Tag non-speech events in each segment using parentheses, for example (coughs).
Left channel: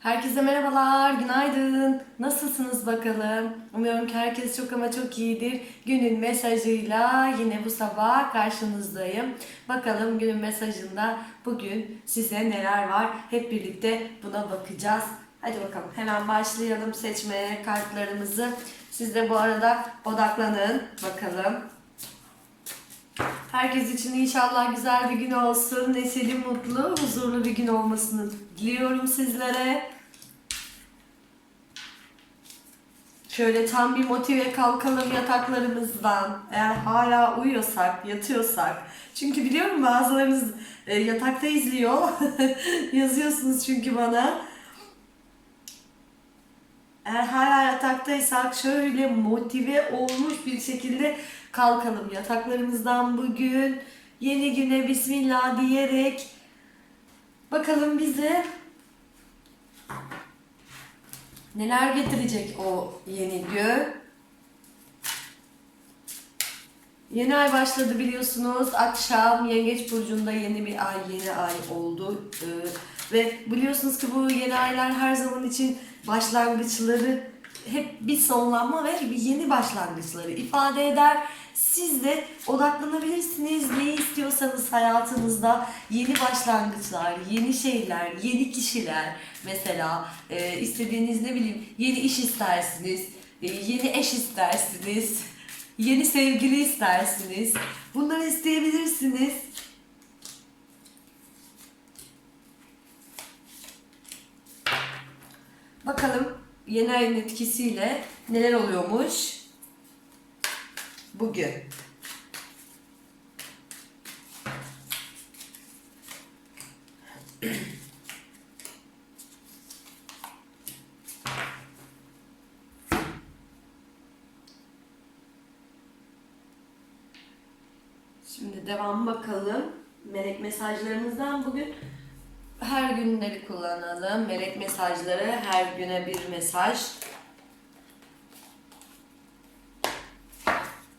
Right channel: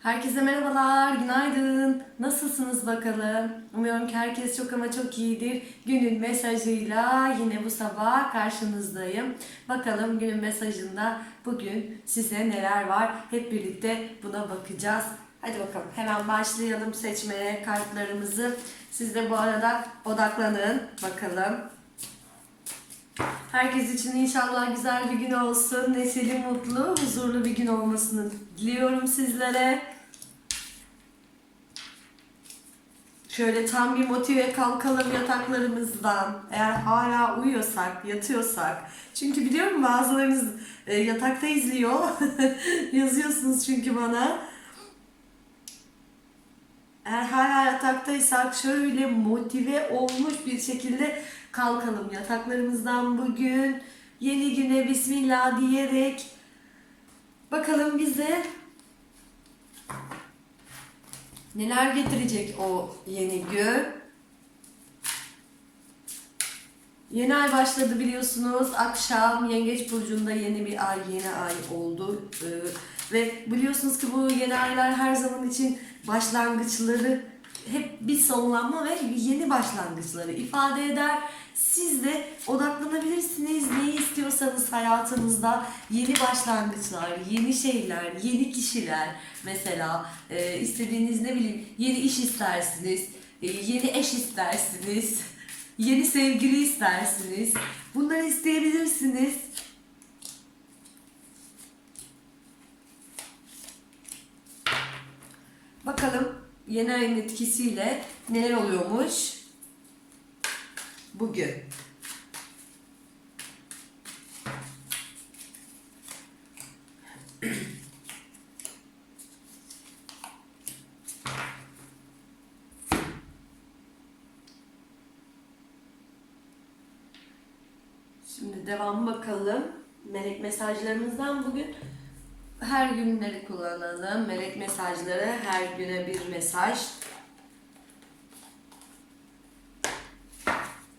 Herkese merhabalar, günaydın. Nasılsınız bakalım? Umuyorum ki herkes çok ama çok iyidir. Günün mesajıyla yine bu sabah karşınızdayım. Bakalım günün mesajında bugün size neler var? Hep birlikte buna bakacağız. Hadi bakalım hemen başlayalım seçmeye kartlarımızı. Siz de bu arada odaklanın bakalım. Herkes için inşallah güzel bir gün olsun. Neşeli, mutlu, huzurlu bir gün olmasını diliyorum sizlere. Şöyle tam bir motive kalkalım yataklarımızdan. Eğer hala uyuyorsak, yatıyorsak. Çünkü biliyorum bazılarınız e, yatakta izliyor. (laughs) Yazıyorsunuz çünkü bana. Eğer hala yataktaysak şöyle motive olmuş bir şekilde kalkalım yataklarımızdan bugün. Yeni güne bismillah diyerek bakalım bize neler getirecek o yeni gün. Yeni ay başladı biliyorsunuz. Akşam Yengeç Burcu'nda yeni bir ay, yeni ay oldu. Ee, ve biliyorsunuz ki bu yeni aylar her zaman için başlangıçları hep bir sonlanma ve bir yeni başlangıçları ifade eder. Siz de odaklanabilirsiniz. Ne istiyorsanız hayatınızda yeni başlangıçlar, yeni şeyler, yeni kişiler. Mesela e, istediğiniz ne bileyim yeni iş istersiniz, e, yeni eş istersiniz, (laughs) yeni sevgili istersiniz. Bunları isteyebilirsiniz. Bakalım yeni ayın etkisiyle neler oluyormuş bugün. (clears throat) Şimdi devam bakalım. Melek mesajlarımızdan bugün her günleri kullanalım. Melek mesajları her güne bir mesaj.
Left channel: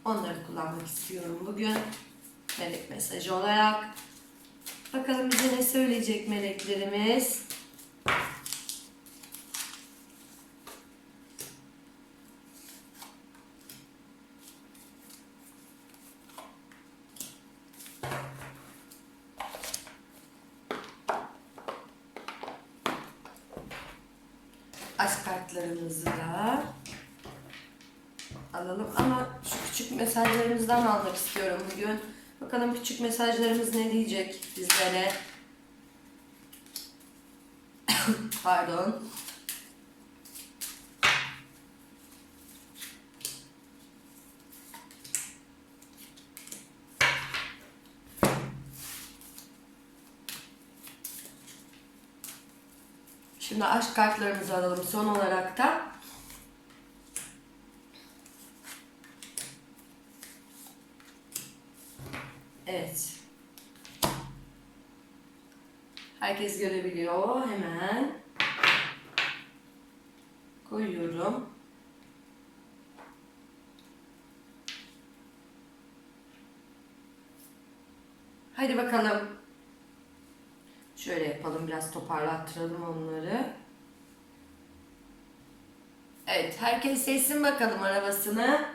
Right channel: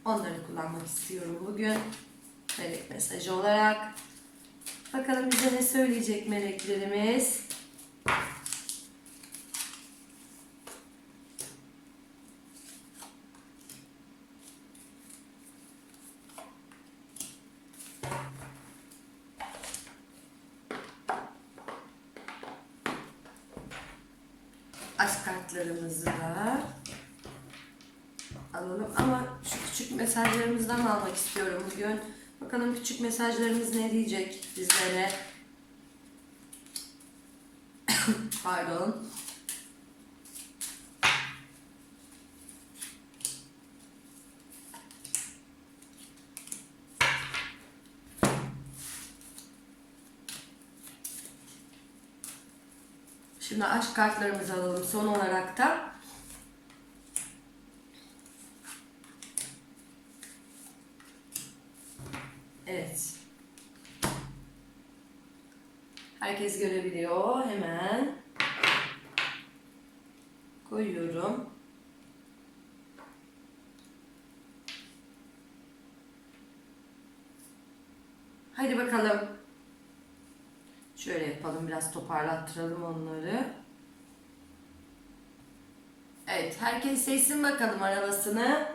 Onları kullanmak istiyorum bugün. Melek mesajı olarak. Bakalım bize ne söyleyecek meleklerimiz. Aşk kartlarımızı da alalım ama şu küçük mesajlarımızdan almak istiyorum bugün. Bakalım küçük mesajlarımız ne diyecek bizlere. (coughs) Pardon. Şimdi aşk kartlarımızı alalım son olarak da. Evet. Herkes görebiliyor. Hemen koyuyorum. Haydi bakalım. Şöyle yapalım. Biraz toparlattıralım onları. Evet. Herkes seçsin bakalım arabasını.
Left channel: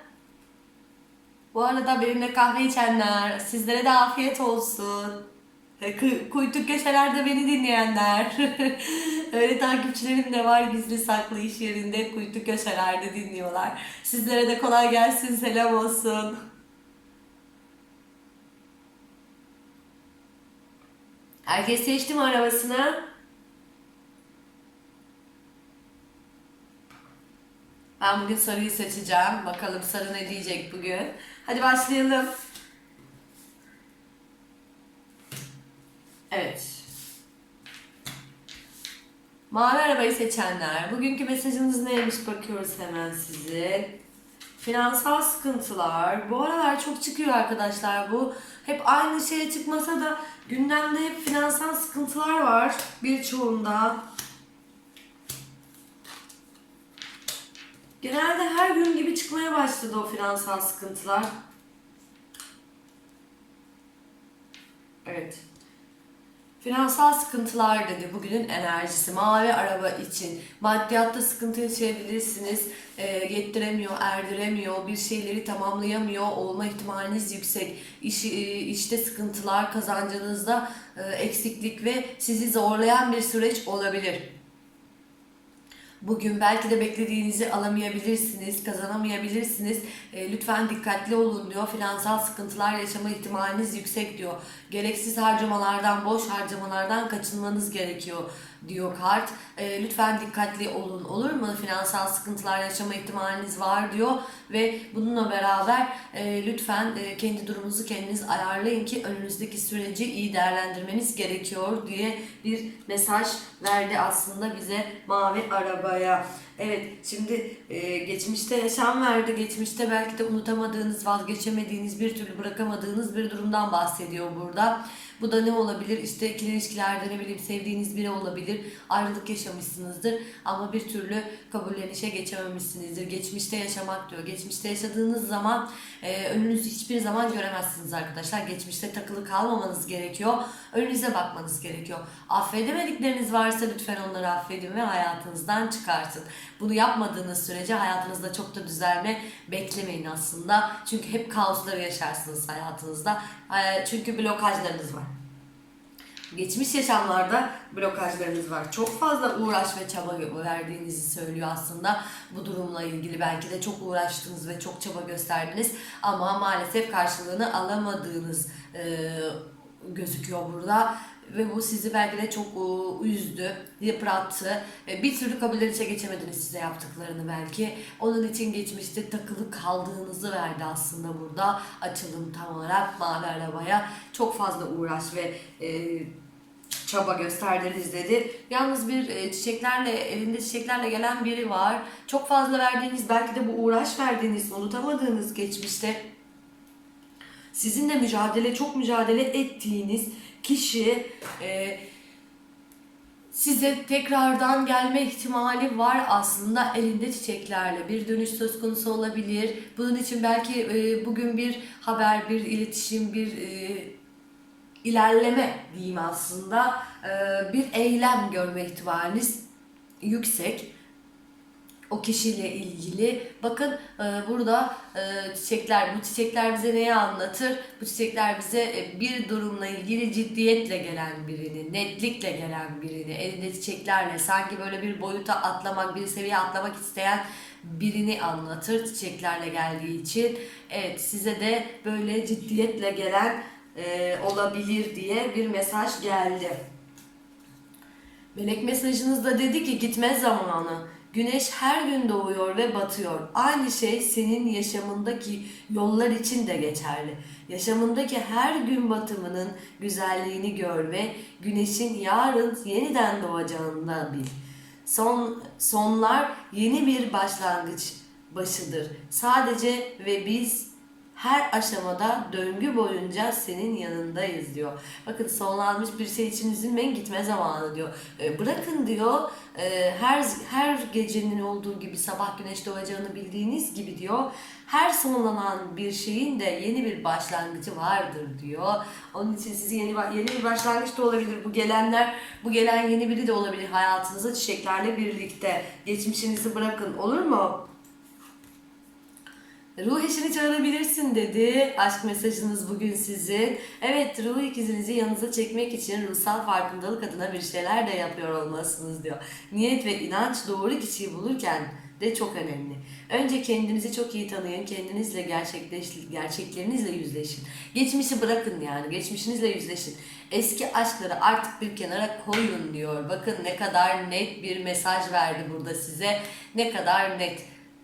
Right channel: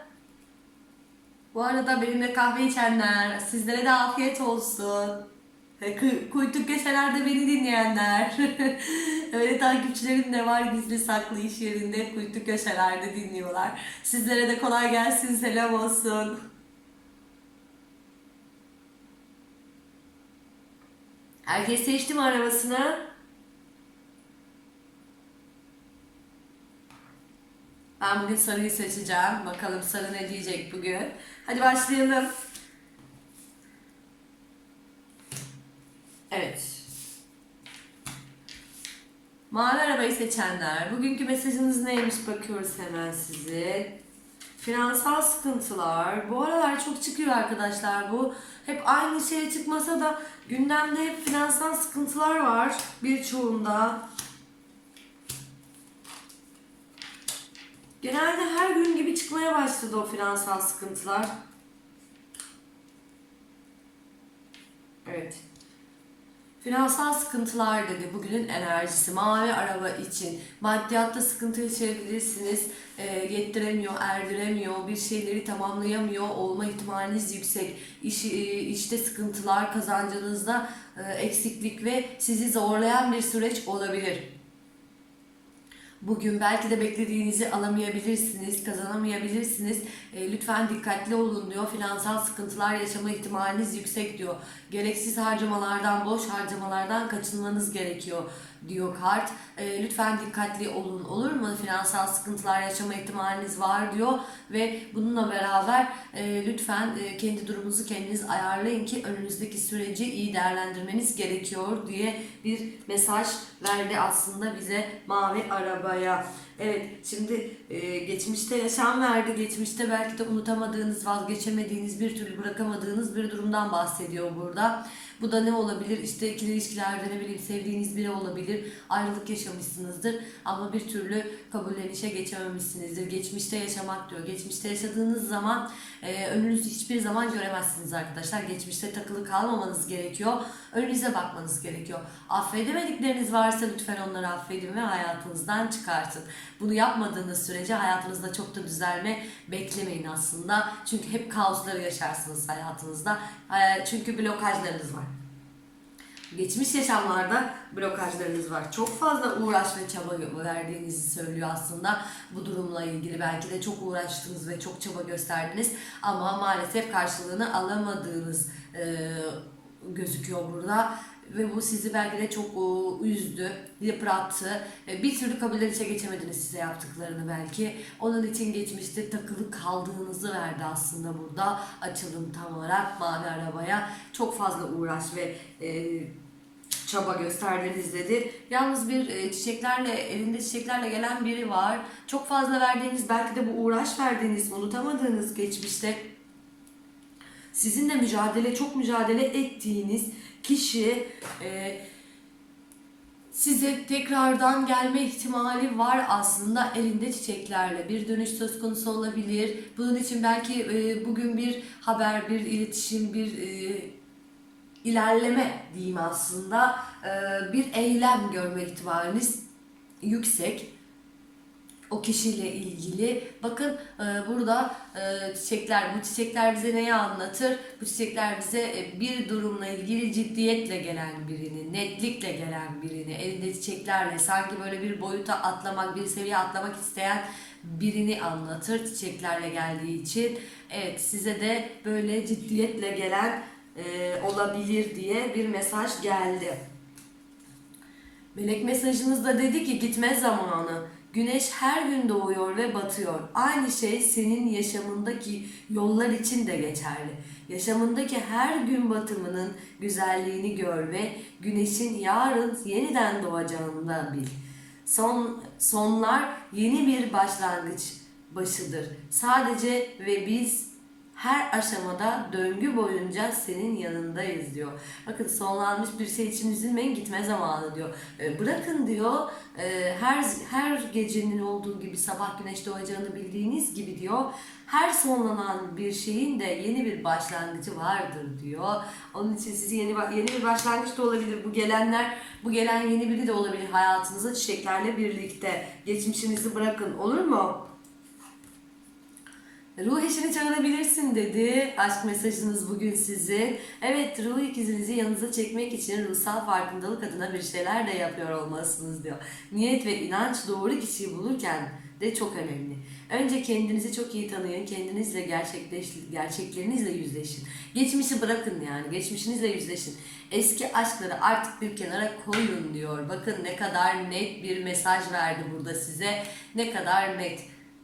Bu arada benimle kahve içenler, sizlere de afiyet olsun. Kuytu köşelerde beni dinleyenler. (laughs) Öyle takipçilerim de var gizli saklı iş yerinde kuytu köşelerde dinliyorlar. Sizlere de kolay gelsin, selam olsun. Herkes seçti mi arabasını? Ben bugün sarıyı seçeceğim. Bakalım sarı ne diyecek bugün. Hadi başlayalım. Evet. Mavi arabayı seçenler. Bugünkü mesajınız neymiş bakıyoruz hemen sizin. Finansal sıkıntılar. Bu aralar çok çıkıyor arkadaşlar bu. Hep aynı şeye çıkmasa da gündemde hep finansal sıkıntılar var birçoğunda. Genelde her gün gibi çıkmaya başladı o finansal sıkıntılar. Evet. Finansal sıkıntılar dedi bugünün enerjisi. Mavi araba için maddiyatta sıkıntı yaşayabilirsiniz. E, yettiremiyor, erdiremiyor, bir şeyleri tamamlayamıyor olma ihtimaliniz yüksek. İş, e, işte sıkıntılar, kazancınızda e, eksiklik ve sizi zorlayan bir süreç olabilir. Bugün belki de beklediğinizi alamayabilirsiniz, kazanamayabilirsiniz. E, lütfen dikkatli olun diyor. Finansal sıkıntılar yaşama ihtimaliniz yüksek diyor. Gereksiz harcamalardan, boş harcamalardan kaçınmanız gerekiyor diyor kart. E, lütfen dikkatli olun olur mu? Finansal sıkıntılar yaşama ihtimaliniz var diyor ve bununla beraber e, lütfen e, kendi durumunuzu kendiniz ayarlayın ki önünüzdeki süreci iyi değerlendirmeniz gerekiyor diye bir mesaj verdi aslında bize mavi arabaya. Evet şimdi e, geçmişte yaşam verdi. Geçmişte belki de unutamadığınız, vazgeçemediğiniz, bir türlü bırakamadığınız bir durumdan bahsediyor burada. Bu da ne olabilir? İşte ikili ilişkilerde ne bileyim sevdiğiniz biri olabilir. Ayrılık yaşamışsınızdır ama bir türlü kabullenişe geçememişsinizdir. Geçmişte yaşamak diyor. Geçmişte yaşadığınız zaman e, önünüzü hiçbir zaman göremezsiniz arkadaşlar. Geçmişte takılı kalmamanız gerekiyor. Önünüze bakmanız gerekiyor. Affedemedikleriniz varsa lütfen onları affedin ve hayatınızdan çıkartın. Bunu yapmadığınız sürece hayatınızda çok da düzelme beklemeyin aslında. Çünkü hep kaosları yaşarsınız hayatınızda. E, Çünkü blokajlarınız var. Geçmiş yaşamlarda blokajlarınız var. Çok fazla uğraş ve çaba verdiğinizi söylüyor aslında bu durumla ilgili. Belki de çok uğraştınız ve çok çaba gösterdiniz ama maalesef karşılığını alamadığınız e, gözüküyor burada. Ve bu sizi belki de çok e, üzdü, yıprattı. E, Bir türlü kabullenişe geçemediniz size yaptıklarını belki. Onun için geçmişte takılı kaldığınızı verdi aslında burada. Açılım tam olarak mavi arabaya. Çok fazla uğraş ve e, çaba gösterdiniz dedi. Yalnız bir e, çiçeklerle, elinde çiçeklerle gelen biri var. Çok fazla verdiğiniz, belki de bu uğraş verdiğiniz, unutamadığınız geçmişte sizinle mücadele, çok mücadele ettiğiniz kişi e, size tekrardan gelme ihtimali var aslında. Elinde çiçeklerle bir dönüş söz konusu olabilir. Bunun için belki e, bugün bir haber, bir iletişim, bir e, ilerleme diyeyim aslında. E, bir eylem görme ihtimaliniz yüksek o kişiyle ilgili. Bakın e, burada e, çiçekler, bu çiçekler bize neyi anlatır? Bu çiçekler bize e, bir durumla ilgili ciddiyetle gelen birini, netlikle gelen birini, elinde çiçeklerle sanki böyle bir boyuta atlamak, bir seviye atlamak isteyen birini anlatır çiçeklerle geldiği için. Evet size de böyle ciddiyetle gelen e, olabilir diye bir mesaj geldi. Melek mesajınızda dedi ki gitme zamanı. Güneş her gün doğuyor ve batıyor. Aynı şey senin yaşamındaki yollar için de geçerli. Yaşamındaki her gün batımının güzelliğini gör ve güneşin yarın yeniden doğacağını da bil. Son sonlar yeni bir başlangıç başıdır. Sadece ve biz her aşamada döngü boyunca senin yanındayız diyor. Bakın sonlanmış bir şey için üzülmeyin gitme zamanı diyor. E, bırakın diyor e, her her gecenin olduğu gibi sabah güneş doğacağını bildiğiniz gibi diyor. Her sonlanan bir şeyin de yeni bir başlangıcı vardır diyor. Onun için sizi yeni yeni bir başlangıç da olabilir. Bu gelenler, bu gelen yeni biri de olabilir hayatınıza çiçeklerle birlikte. Geçmişinizi bırakın olur mu? Ruh eşini çağırabilirsin dedi. Aşk mesajınız bugün sizin. Evet ruh ikizinizi yanınıza çekmek için ruhsal farkındalık adına bir şeyler de yapıyor olmalısınız diyor. Niyet ve inanç doğru kişiyi bulurken de çok önemli. Önce kendinizi çok iyi tanıyın. Kendinizle gerçekleş, gerçeklerinizle yüzleşin. Geçmişi bırakın yani. Geçmişinizle yüzleşin. Eski aşkları artık bir kenara koyun diyor. Bakın ne kadar net bir mesaj verdi burada size. Ne kadar net.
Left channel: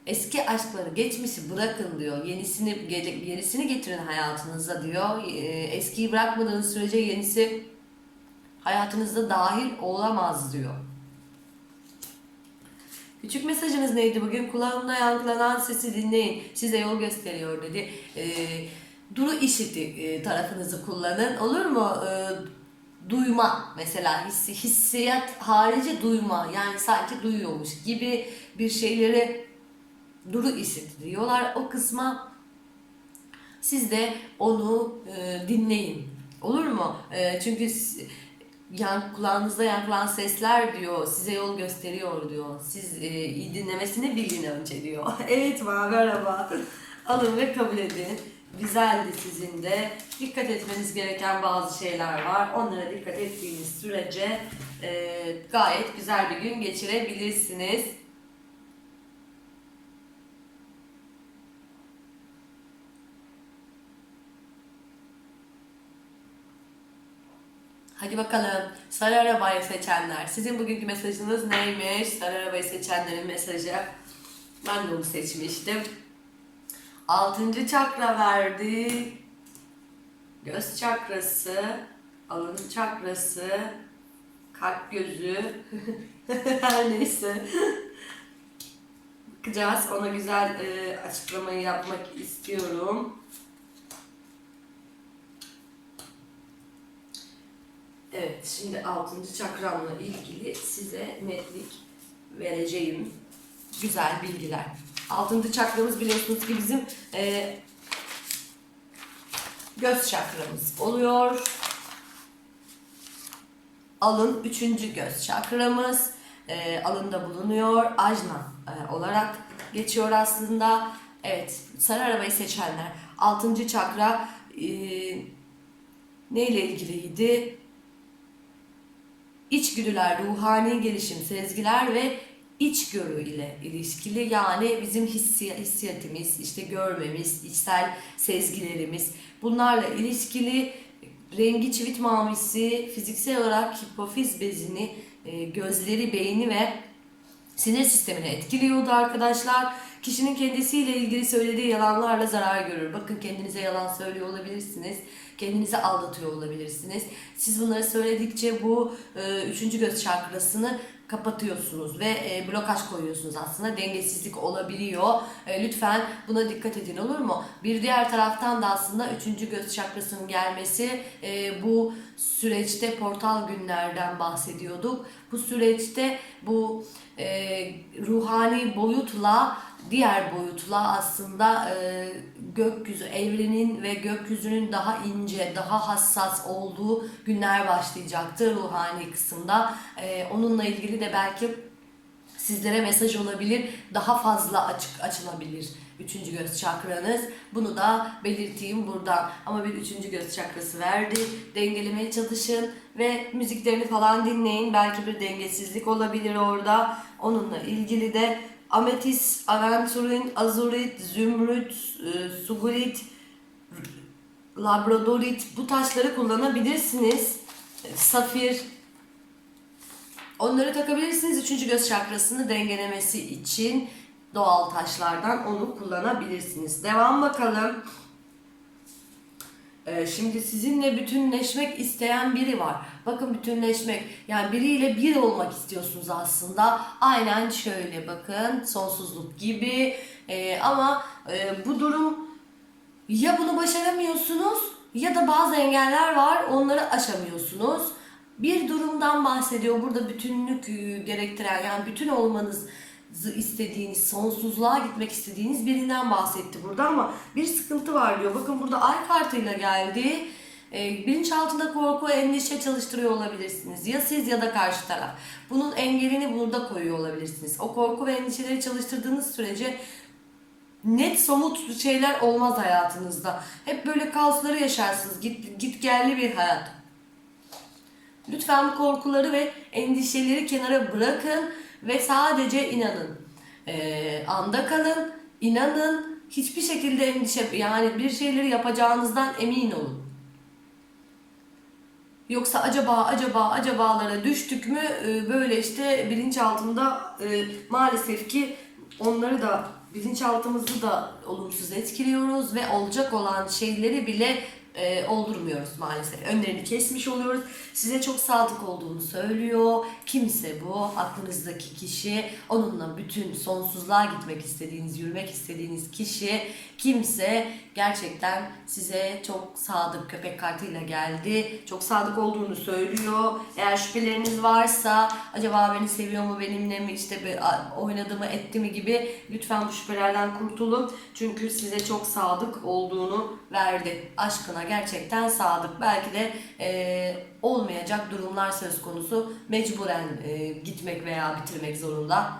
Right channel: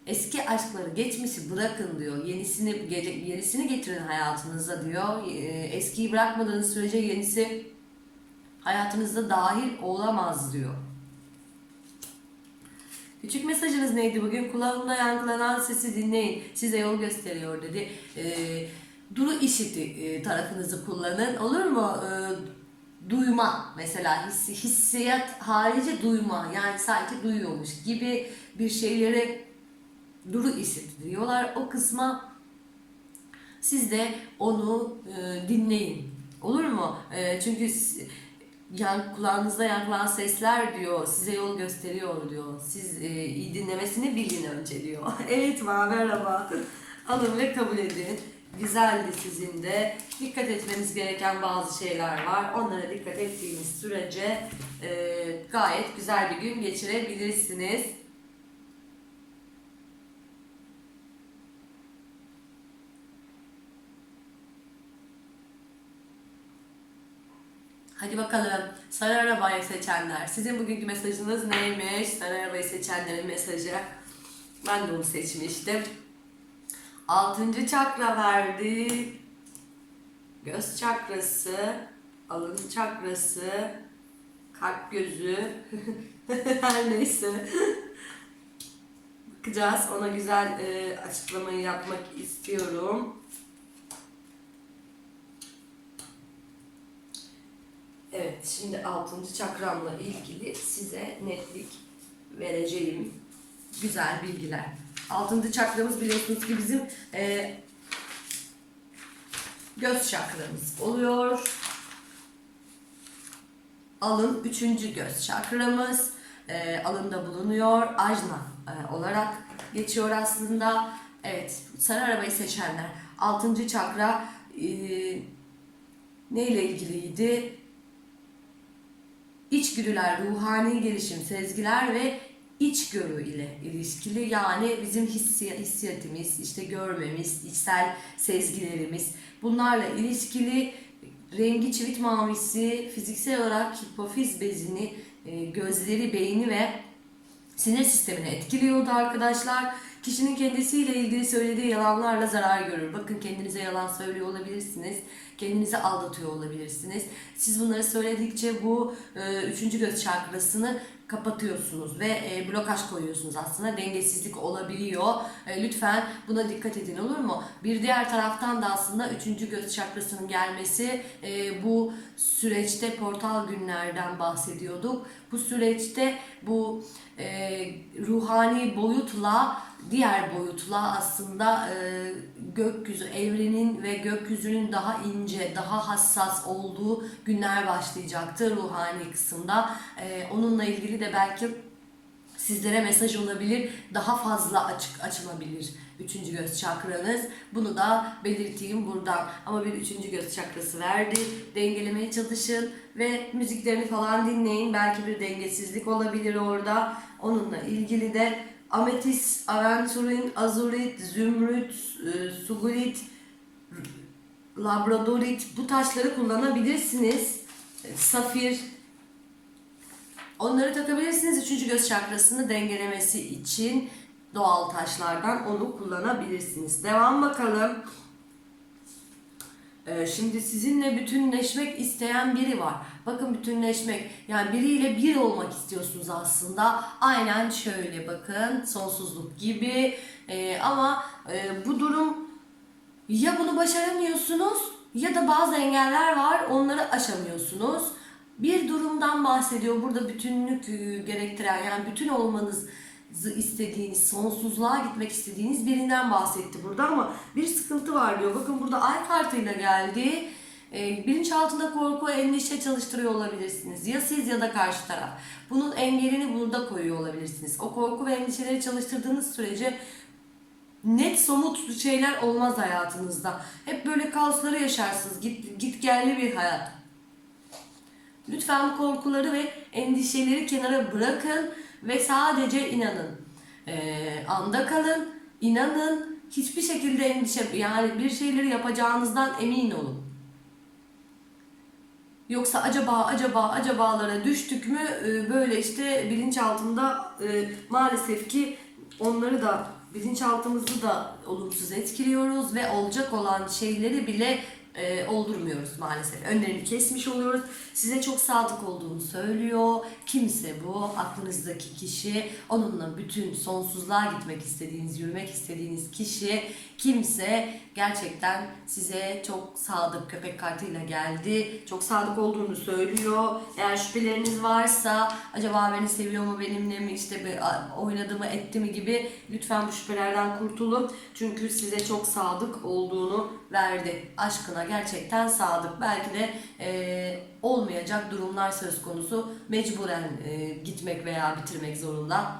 Eski aşkları, geçmişi bırakın diyor. Yenisini yenisini getirin hayatınıza diyor. Ee, Eskiyi bırakmadığınız sürece yenisi hayatınızda dahil olamaz diyor. Küçük mesajınız neydi bugün? Kulağımda yankılanan sesi dinleyin. Size yol gösteriyor dedi. Ee, duru işiti e, tarafınızı kullanın. Olur mu? Ee, duyma mesela hissi, hissiyat harici duyma. Yani sanki duyuyormuş gibi bir şeyleri duru işit diyorlar. O kısma siz de onu e, dinleyin. Olur mu? E, çünkü yan, kulağınızda yankılan sesler diyor, size yol gösteriyor diyor. Siz e, iyi dinlemesini bilin önce diyor. (laughs) evet ma merhaba. Alın ve kabul edin. Güzeldi sizin de. Dikkat etmeniz gereken bazı şeyler var. Onlara dikkat ettiğiniz sürece e, gayet güzel bir gün geçirebilirsiniz. Hadi bakalım sarı arabayı seçenler. Sizin bugünkü mesajınız neymiş? Sarı arabayı seçenlerin mesajı. Ben de onu seçmiştim. Altıncı çakra verdi. Göz çakrası, alın çakrası, kalp gözü. (laughs) Her neyse. Bakacağız. Ona güzel e, açıklamayı yapmak istiyorum. Evet, şimdi 6. çakramla ilgili size netlik vereceğim güzel bilgiler. 6. çakramız biliyorsunuz ki bizim e, göz çakramız oluyor. Alın 3. göz çakramız e, alında bulunuyor. Ajna e, olarak geçiyor aslında. Evet, sarı arabayı seçenler. 6. çakra e, neyle ilgiliydi? İçgüdüler, ruhani gelişim, sezgiler ve içgörü ile ilişkili yani bizim hissi, hissiyatımız, işte görmemiz, içsel sezgilerimiz bunlarla ilişkili rengi çivit mavisi fiziksel olarak hipofiz bezini, e, gözleri, beyni ve sinir sistemini etkiliyordu arkadaşlar. Kişinin kendisiyle ilgili söylediği yalanlarla zarar görür. Bakın kendinize yalan söylüyor olabilirsiniz. Kendinizi aldatıyor olabilirsiniz. Siz bunları söyledikçe bu e, üçüncü göz çakrasını kapatıyorsunuz ve e, blokaj koyuyorsunuz aslında. Dengesizlik olabiliyor. E, lütfen buna dikkat edin olur mu? Bir diğer taraftan da aslında üçüncü göz çakrasının gelmesi e, bu süreçte portal günlerden bahsediyorduk. Bu süreçte bu e, ruhani boyutla diğer boyutla aslında e, gökyüzü, evrenin ve gökyüzünün daha ince, daha hassas olduğu günler başlayacaktır ruhani kısımda. E, onunla ilgili de belki sizlere mesaj olabilir, daha fazla açık açılabilir üçüncü göz çakranız. Bunu da belirteyim buradan. Ama bir üçüncü göz çakrası verdi. Dengelemeye çalışın ve müziklerini falan dinleyin. Belki bir dengesizlik olabilir orada. Onunla ilgili de ametis, aventurin, azurit, zümrüt, e, sugurit, labradorit bu taşları kullanabilirsiniz. Safir, Onları takabilirsiniz. Üçüncü göz çakrasını dengelemesi için doğal taşlardan onu kullanabilirsiniz. Devam bakalım. Ee, şimdi sizinle bütünleşmek isteyen biri var. Bakın bütünleşmek yani biriyle bir olmak istiyorsunuz aslında. Aynen şöyle bakın sonsuzluk gibi. Ee, ama e, bu durum ya bunu başaramıyorsunuz ya da bazı engeller var onları aşamıyorsunuz. Bir durumdan bahsediyor burada bütünlük e, gerektiren yani bütün olmanızı istediğiniz, sonsuzluğa gitmek istediğiniz birinden bahsetti burada ama bir sıkıntı var diyor. Bakın burada ay kartıyla geldi. E, bilinçaltında korku, endişe çalıştırıyor olabilirsiniz. Ya siz ya da karşı taraf. Bunun engelini burada koyuyor olabilirsiniz. O korku ve endişeleri çalıştırdığınız sürece net somut şeyler olmaz hayatınızda. Hep böyle kaosları yaşarsınız. Git, git gelli bir hayat. Lütfen korkuları ve endişeleri kenara bırakın ve sadece inanın. Ee, anda kalın, inanın. Hiçbir şekilde endişe yani bir şeyleri yapacağınızdan emin olun. Yoksa acaba acaba acabalara düştük mü e, böyle işte bilinçaltında e, maalesef ki onları da bilinçaltımızı da olumsuz etkiliyoruz ve olacak olan şeyleri bile e, oldurmuyoruz maalesef. Önlerini kesmiş oluyoruz. Size çok sadık olduğunu söylüyor. Kimse bu aklınızdaki kişi, onunla bütün sonsuzluğa gitmek istediğiniz, yürümek istediğiniz kişi kimse gerçekten size çok sadık köpek kartıyla geldi. Çok sadık olduğunu söylüyor. Eğer şüpheleriniz varsa acaba beni seviyor mu, benimle mi işte oynadı mı, etti mi gibi lütfen bu şüphelerden kurtulun. Çünkü size çok sadık olduğunu verdi. Aşkına sana gerçekten sadık. Belki de e, olmayacak durumlar söz konusu. Mecburen e, gitmek veya bitirmek zorunda.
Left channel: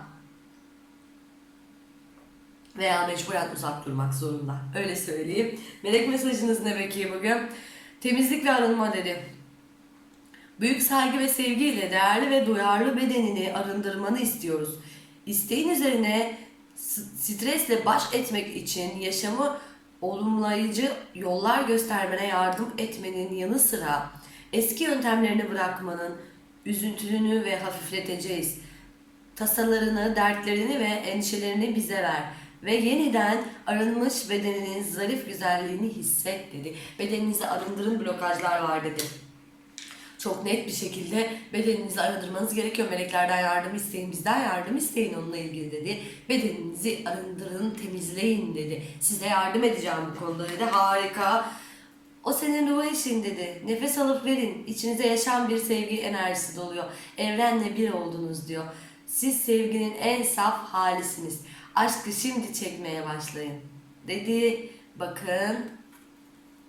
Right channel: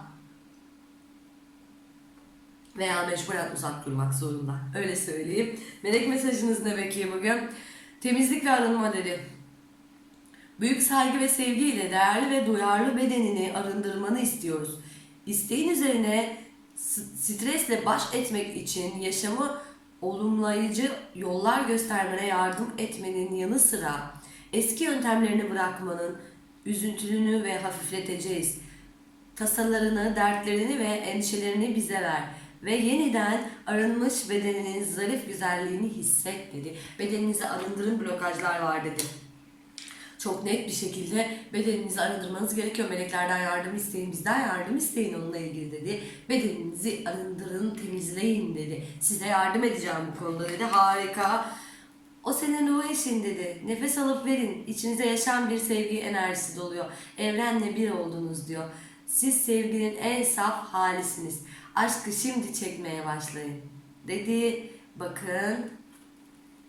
Veya mecburen uzak durmak zorunda. Öyle söyleyeyim. Melek mesajınız ne peki bugün? Temizlik ve arınma dedi. Büyük saygı ve sevgiyle değerli ve duyarlı bedenini arındırmanı istiyoruz. İsteğin üzerine stresle baş etmek için yaşamı olumlayıcı yollar göstermene yardım etmenin yanı sıra eski yöntemlerini bırakmanın üzüntünü ve hafifleteceğiz. Tasalarını, dertlerini ve endişelerini bize ver ve yeniden arınmış bedeninin zarif güzelliğini hisset dedi. Bedeninizi arındırın blokajlar var dedi çok net bir şekilde bedeninizi arındırmanız gerekiyor. Meleklerden yardım isteyin, bizden yardım isteyin onunla ilgili dedi. Bedeninizi arındırın, temizleyin dedi. Size yardım edeceğim bu konuda dedi. Harika. O senin ruh eşin dedi. Nefes alıp verin. İçinize yaşam bir sevgi enerjisi doluyor. Evrenle bir oldunuz diyor. Siz sevginin en saf halisiniz. Aşkı şimdi çekmeye başlayın. Dedi. Bakın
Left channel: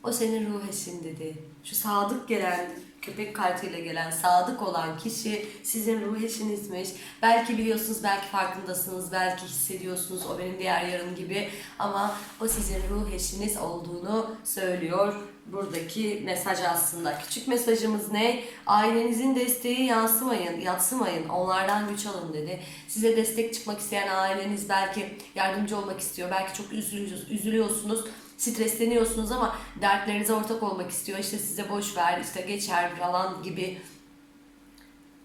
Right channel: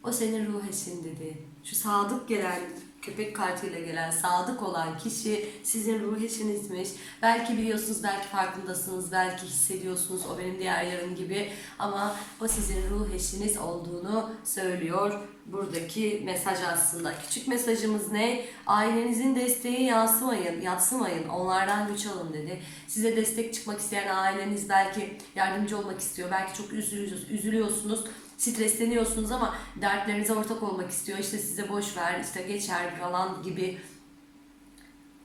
o senin ruh eşin dedi. Şu sadık gelen, köpek kartıyla gelen sadık olan kişi sizin ruh eşinizmiş. Belki biliyorsunuz, belki farkındasınız, belki hissediyorsunuz o benim diğer yarım gibi. Ama o sizin ruh eşiniz olduğunu söylüyor buradaki mesaj aslında. Küçük mesajımız ne? Ailenizin desteği yansımayın, yatsımayın. Onlardan güç alın dedi. Size destek çıkmak isteyen aileniz belki yardımcı olmak istiyor. Belki çok üzülüyorsunuz stresleniyorsunuz ama dertlerinize ortak olmak istiyor. İşte size boş ver, işte geçer falan gibi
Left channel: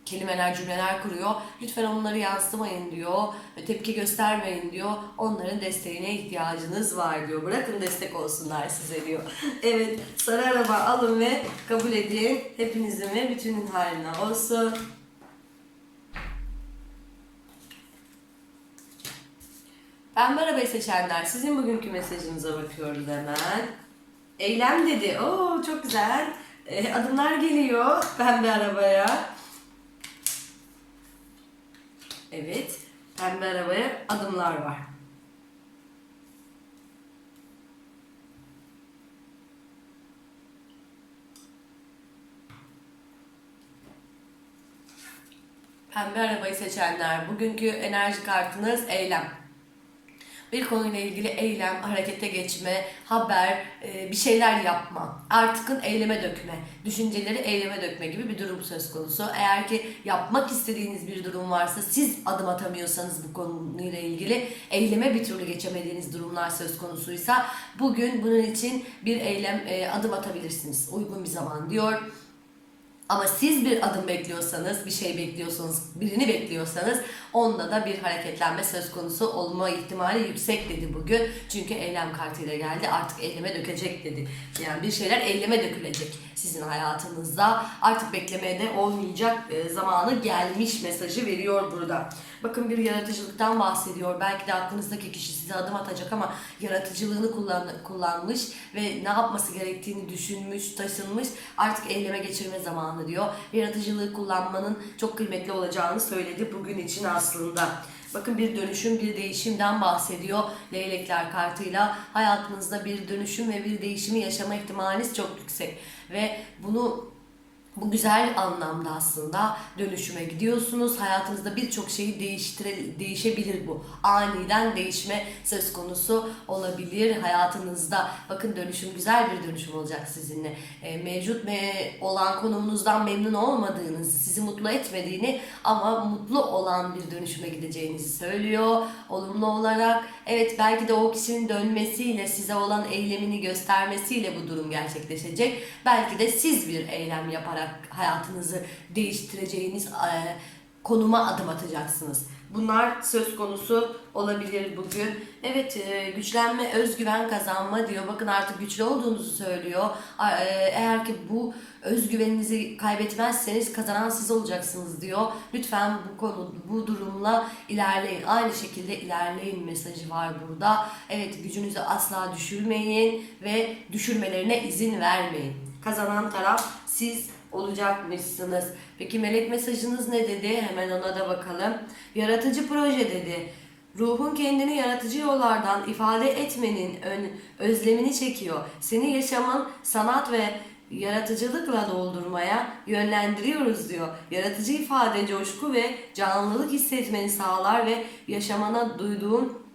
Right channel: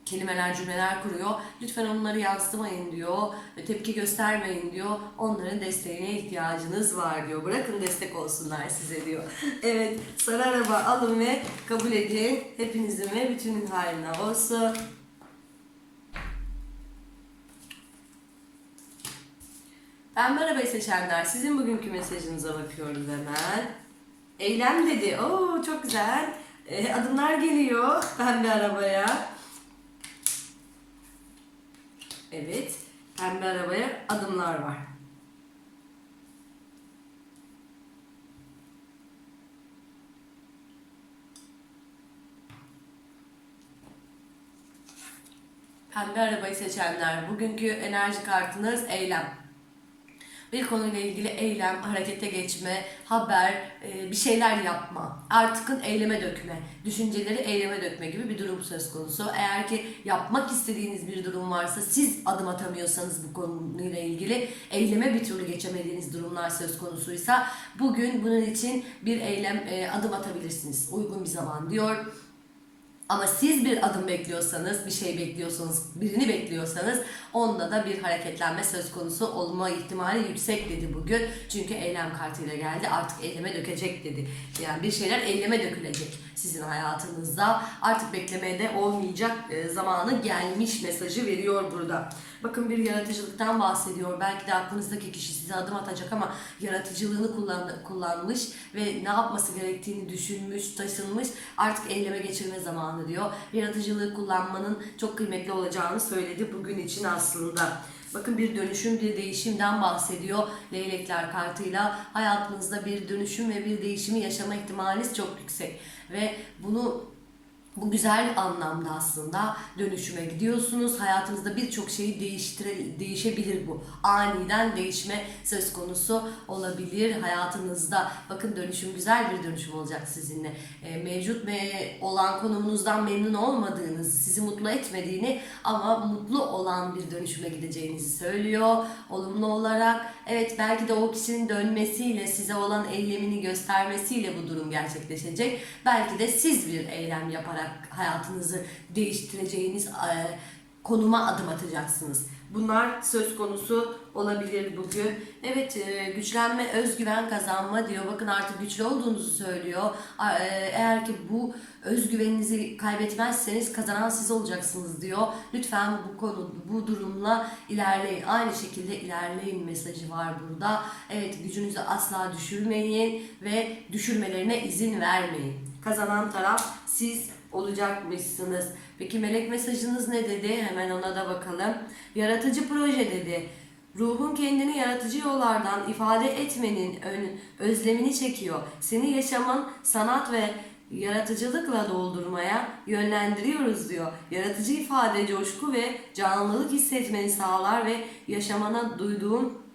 kelimeler, cümleler kuruyor. Lütfen onları yansıtmayın diyor. Tepki göstermeyin diyor. Onların desteğine ihtiyacınız var diyor. Bırakın destek olsunlar size diyor. (laughs) evet, sarı araba alın ve kabul edin. Hepinizin ve bütünün haline olsun. Pembe arabayı seçenler sizin bugünkü mesajınıza bakıyoruz hemen. Eylem dedi. Oo çok güzel. Ee, adımlar geliyor pembe arabaya. Evet. Pembe arabaya adımlar var. Pembe arabayı seçenler bugünkü enerji kartınız eylem bir konuyla ilgili eylem, harekete geçme, haber, e, bir şeyler yapma. Artıkın eyleme dökme, düşünceleri eyleme dökme gibi bir durum söz konusu. Eğer ki yapmak istediğiniz bir durum varsa, siz adım atamıyorsanız bu konuyla ilgili, eyleme bir türlü geçemediğiniz durumlar söz konusuysa, bugün bunun için bir eylem, e, adım atabilirsiniz. Uygun bir zaman diyor. Ama siz bir adım bekliyorsanız, bir şey bekliyorsanız, birini bekliyorsanız onda da bir hareketlenme söz konusu olma ihtimali yüksek dedi bugün. Çünkü eylem kartıyla geldi artık eyleme dökecek dedi. Yani bir şeyler eyleme dökülecek sizin hayatınızda. Artık beklemeye de olmayacak e, zamanı gelmiş mesajı veriyor burada. Bakın bir yaratıcılıktan bahsediyor. Belki de aklınızdaki kişi size adım atacak ama yaratıcılığını kullan, kullanmış ve ne yapması gerektiğini düşünmüş, taşınmış. Artık eyleme geçirme zamanı diyor. Yaratıcılığı kullanmanın çok kıymetli olacağını söyledi bugün için aslında. Bakın bir dönüşüm, bir değişimden bahsediyor leylekler kartıyla. Hayatınızda bir dönüşüm ve bir değişimi yaşama ihtimaliniz çok yüksek. Ve bunu bu güzel anlamda aslında dönüşüme gidiyorsunuz. Hayatınızda birçok şeyi değiştire, değişebilir bu. Aniden değişme söz konusu olabilir hayatınızda. Bakın dönüşüm güzel bir dönüşüm olacak sizinle. E, mevcut ve olan konumunuzdan memnun olmadığınız, sizi mutlu etmediğini ama mutlu olan bir dönüşüme gideceğinizi söylüyor. Olumlu olarak evet belki de o kişinin dönmesiyle size olan eylemini göstermesiyle bu durum gerçekleşecek. Belki de siz bir eylem yaparak hayatınızı değiştireceğiniz e, konuma adım atacaksınız. Bunlar söz konusu olabilir bugün. Evet e, güçlenme, özgüven kazanma diyor. Bakın artık güçlü olduğunuzu söylüyor. E, Eğer ki bu özgüveninizi kaybetmezseniz kazanan siz olacaksınız diyor. Lütfen bu konu, bu durumla ilerleyin. Aynı şekilde ilerleyin mesajı var burada. Evet gücünüzü asla düşürmeyin ve düşürmelerine izin vermeyin. Kazanan taraf siz olacakmışsınız. Peki melek mesajınız ne dedi? Hemen ona da bakalım. Yaratıcı proje dedi. Ruhun kendini yaratıcı yollardan ifade etmenin ön, özlemini çekiyor. Seni yaşamın sanat ve yaratıcılıkla doldurmaya yönlendiriyoruz diyor. Yaratıcı ifade, coşku ve canlılık hissetmeni sağlar ve yaşamana duyduğun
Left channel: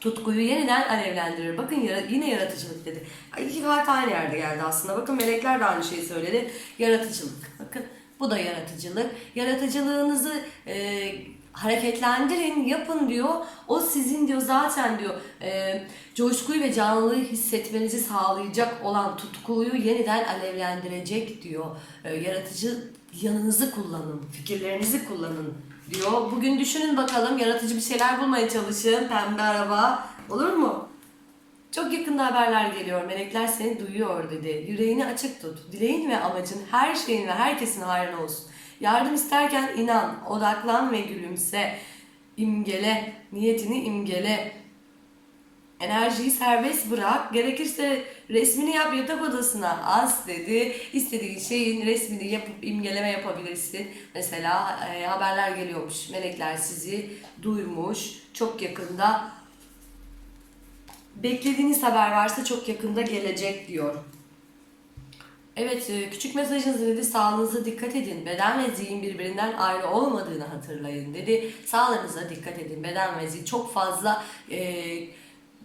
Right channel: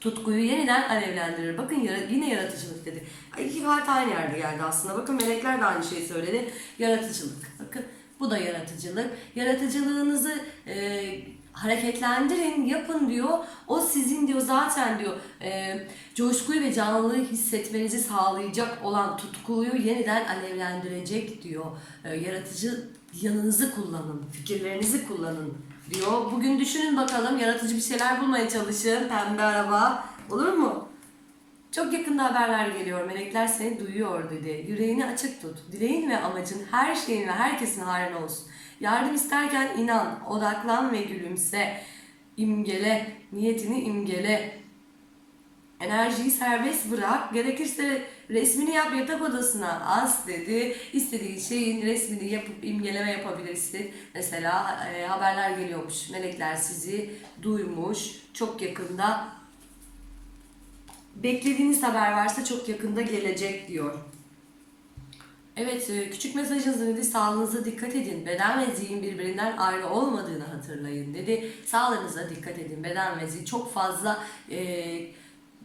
tutkuyu yeniden alevlendirir. Bakın yara- yine yaratıcılık dedi. Ay, İki kart aynı yerde geldi aslında. Bakın melekler de aynı şeyi söyledi. Yaratıcılık. Bakın bu da yaratıcılık. Yaratıcılığınızı e, hareketlendirin, yapın diyor. O sizin diyor zaten diyor e, coşkuyu ve canlılığı hissetmenizi sağlayacak olan tutkuyu yeniden alevlendirecek diyor. E, yaratıcı yanınızı kullanın, fikirlerinizi kullanın diyor. Bugün düşünün bakalım yaratıcı bir şeyler bulmaya çalışın. Pembe araba olur mu? Çok yakında haberler geliyor. Melekler seni duyuyor dedi. Yüreğini açık tut. Dileğin ve amacın her şeyin ve herkesin hayrına olsun. Yardım isterken inan, odaklan ve gülümse. İmgele, niyetini imgele. Enerjiyi serbest bırak. Gerekirse resmini yap yatak odasına as dedi. İstediğin şeyin resmini yapıp imgeleme yapabilirsin. Mesela e, haberler geliyormuş. Melekler sizi duymuş. Çok yakında beklediğiniz haber varsa çok yakında gelecek diyor. Evet, e, küçük mesajınız dedi. Sağlığınıza dikkat edin. Beden ve zihin birbirinden ayrı olmadığını hatırlayın dedi. Sağlığınıza dikkat edin. Beden ve zihin çok fazla e,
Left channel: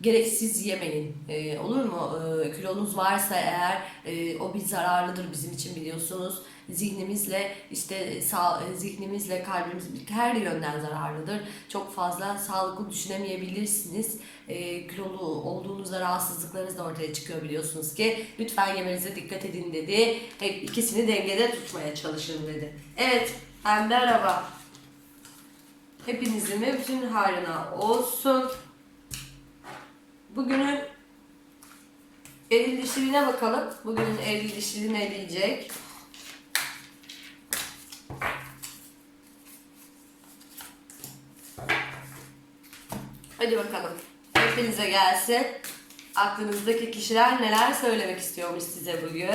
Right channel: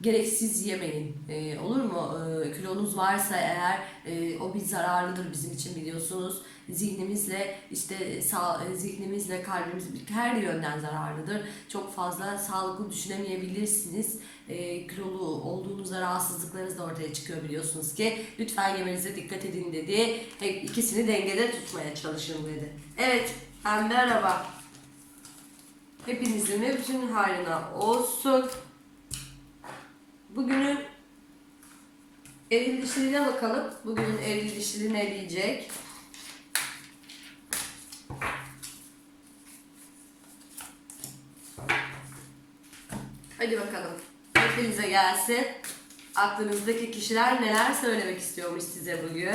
gereksiz yemeyin. E, olur mu? E, kilonuz varsa eğer e, o bir zararlıdır bizim için biliyorsunuz. Zihnimizle işte sağ, zihnimizle kalbimiz her yönden zararlıdır. Çok fazla sağlıklı düşünemeyebilirsiniz. E, kilolu olduğunuzda rahatsızlıklarınız da ortaya çıkıyor biliyorsunuz ki. Lütfen yemenize dikkat edin dedi. Hep ikisini dengede tutmaya çalışın dedi. Evet, pembe araba. Hepinizin ve bütün hayrına olsun. Bugünün eril dişiliğine bakalım. Bugünün eril dişiliği ne diyecek? Hadi bakalım. Hepinize gelsin. Aklınızdaki kişiler neler söylemek istiyormuş size bugün?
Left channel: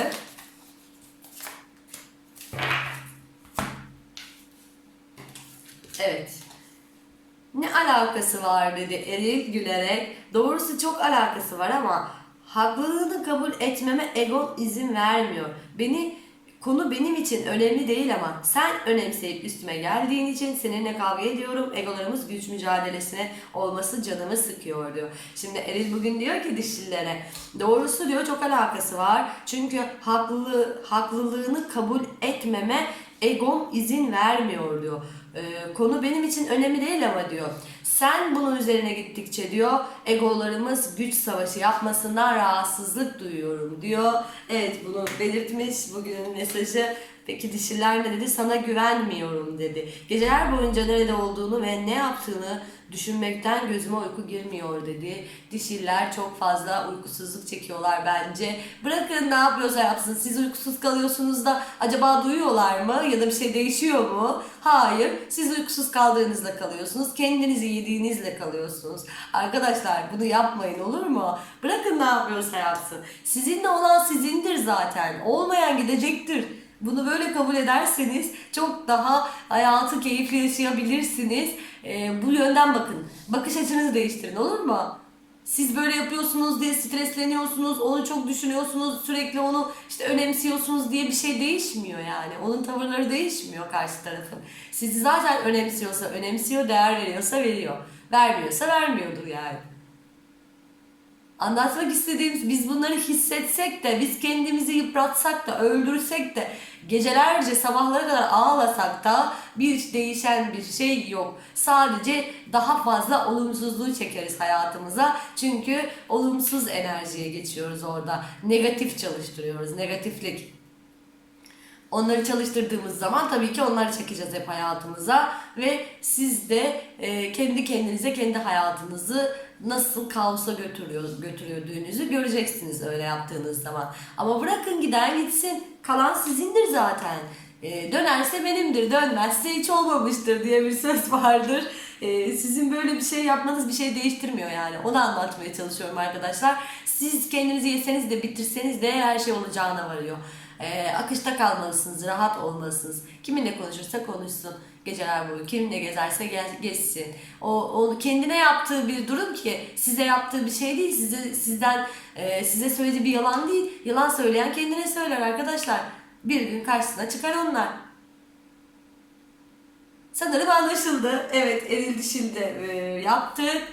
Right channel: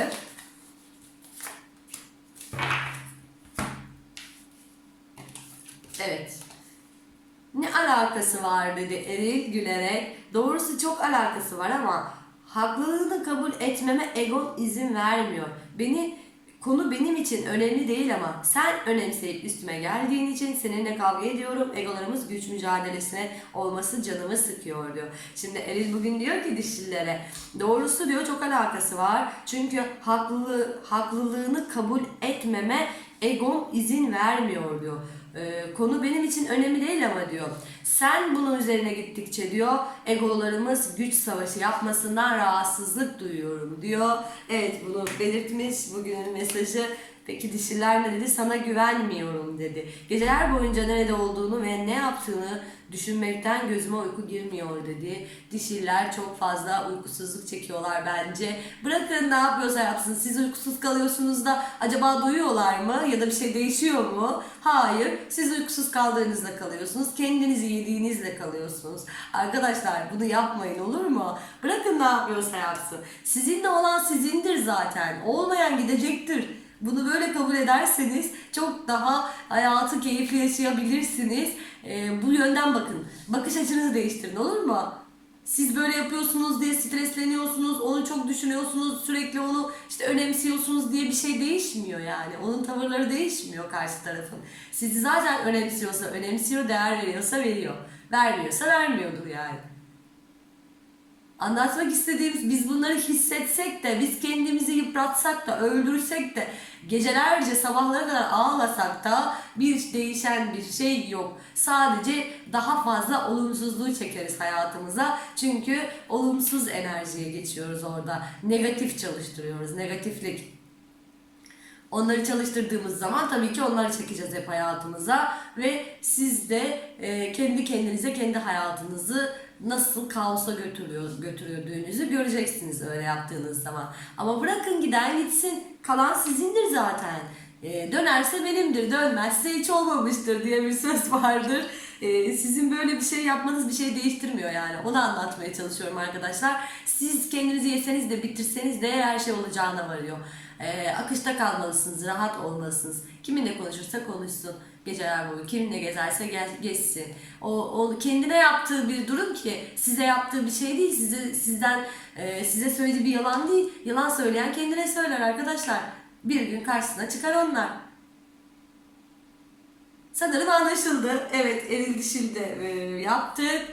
Evet. Ne alakası var dedi Eril gülerek. Doğrusu çok alakası var ama haklılığını kabul etmeme egon izin vermiyor. Beni konu benim için önemli değil ama sen önemseyip üstüme geldiğin için seninle kavga ediyorum. Egolarımız güç mücadelesine olması canımı sıkıyor diyor. Şimdi Eril bugün diyor ki dişlilere doğrusu diyor çok alakası var. Çünkü haklılığı, haklılığını kabul etmeme egom izin vermiyor diyor. Ee, konu benim için önemli değil ama diyor. Sen bunun üzerine gittikçe diyor egolarımız güç savaşı yapmasından rahatsızlık duyuyorum diyor. Evet bunu belirtmiş bugünün mesajı. Peki dişiler ne dedi? Sana güvenmiyorum dedi. Geceler boyunca nerede olduğunu ve ne yaptığını düşünmekten gözüme uyku girmiyor dedi. Dişiler çok fazla uykusuzluk çekiyorlar bence. Bırakın ne yapıyorsa yapsın. Siz uykusuz kalıyorsunuz da acaba duyuyorlar mı? Ya da bir şey değişiyor mu? Hayır. Siz uykusuz kaldığınızda kalıyorsunuz. Kendinizi yediğinizle kalıyorsunuz. Arkadaşlar bunu yapmayın olur mu? Bırakın ne yapıyorsa yapsın. Sizinle olan sizindir zaten. Olmayan gidecektir. Bunu böyle kabul ederseniz çok daha hayatı keyifli yaşayabilirsiniz. Ee, bu yönden bakın. Bakış açınızı değiştirin olur mu? Siz böyle yapıyorsunuz diye stresleniyorsunuz, onu çok düşünüyorsunuz, sürekli onu işte önemsiyorsunuz diye bir şey değişmiyor yani. Onun tavırları değişmiyor karşı tarafın. Sizi zaten önemsiyorsa önemsiyor, değer veriyorsa veriyor. Vermiyorsa vermiyordur yani. Anlatmak istediğimiz biz bunları hissetsek de biz kendimizi yıpratsak da öldürsek de gecelerce sabahlara kadar ağlasak da bir değişen bir şey yok. Sadece daha fazla olumsuzluğu çekeriz hayatımıza. Çünkü olumsuz enerjiye geçiyoruz orada. Negatif çalıştırıyoruz. Negatiflik. Onları çalıştırdığımız zaman tabii ki onları çekeceğiz hep hayatımıza ve siz de kendi kendinize kendi hayatınızı nasıl kaosa götürüyor, götürüldüğünüzü göreceksiniz öyle yaptığınız zaman. Ama bırakın giden gitsin. Kalan sizindir zaten. E, dönerse benimdir, dönmezse hiç olmamıştır diye bir söz vardır. E, sizin böyle bir şey yapmanız bir şey değiştirmiyor yani. Onu anlatmaya çalışıyorum arkadaşlar. Siz kendinizi yeseniz de bitirseniz de her şey olacağına varıyor. E, akışta kalmalısınız, rahat olmalısınız. Kiminle konuşursa konuşsun. Geceler boyu kim ne gezerse gez, gezsin. O, o kendine yaptığı bir durum ki size yaptığı bir şey değil. Size sizden e, size söylediği bir yalan değil. Yalan söyleyen kendine söyler arkadaşlar. Bir gün karşısına çıkar onlar. Sanırım anlaşıldı. Evet, eril dişil de e, yaptık.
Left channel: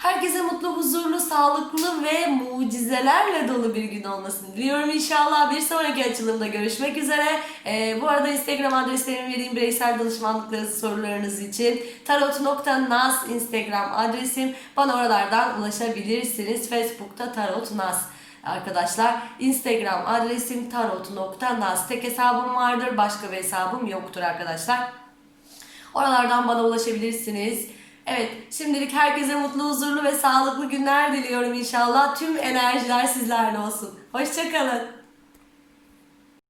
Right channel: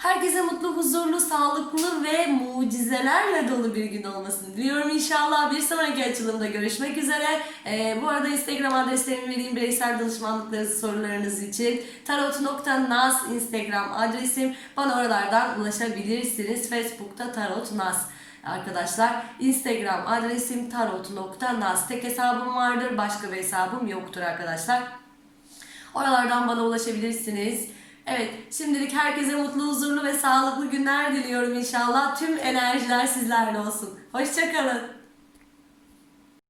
Herkese mutlu, huzurlu, sağlıklı ve mucizelerle dolu bir gün olmasını diliyorum inşallah. Bir sonraki açılımda görüşmek üzere. Ee, bu arada Instagram adreslerimi vereyim bireysel danışmanlıkları sorularınız için. tarot.naz Instagram adresim. Bana oralardan ulaşabilirsiniz. Facebook'ta tarotnaz arkadaşlar. Instagram adresim tarot.naz. Tek hesabım vardır. Başka bir hesabım yoktur arkadaşlar. Oralardan bana ulaşabilirsiniz. Evet, şimdilik herkese mutlu, huzurlu ve sağlıklı günler diliyorum inşallah. Tüm enerjiler sizlerle olsun. Hoşçakalın.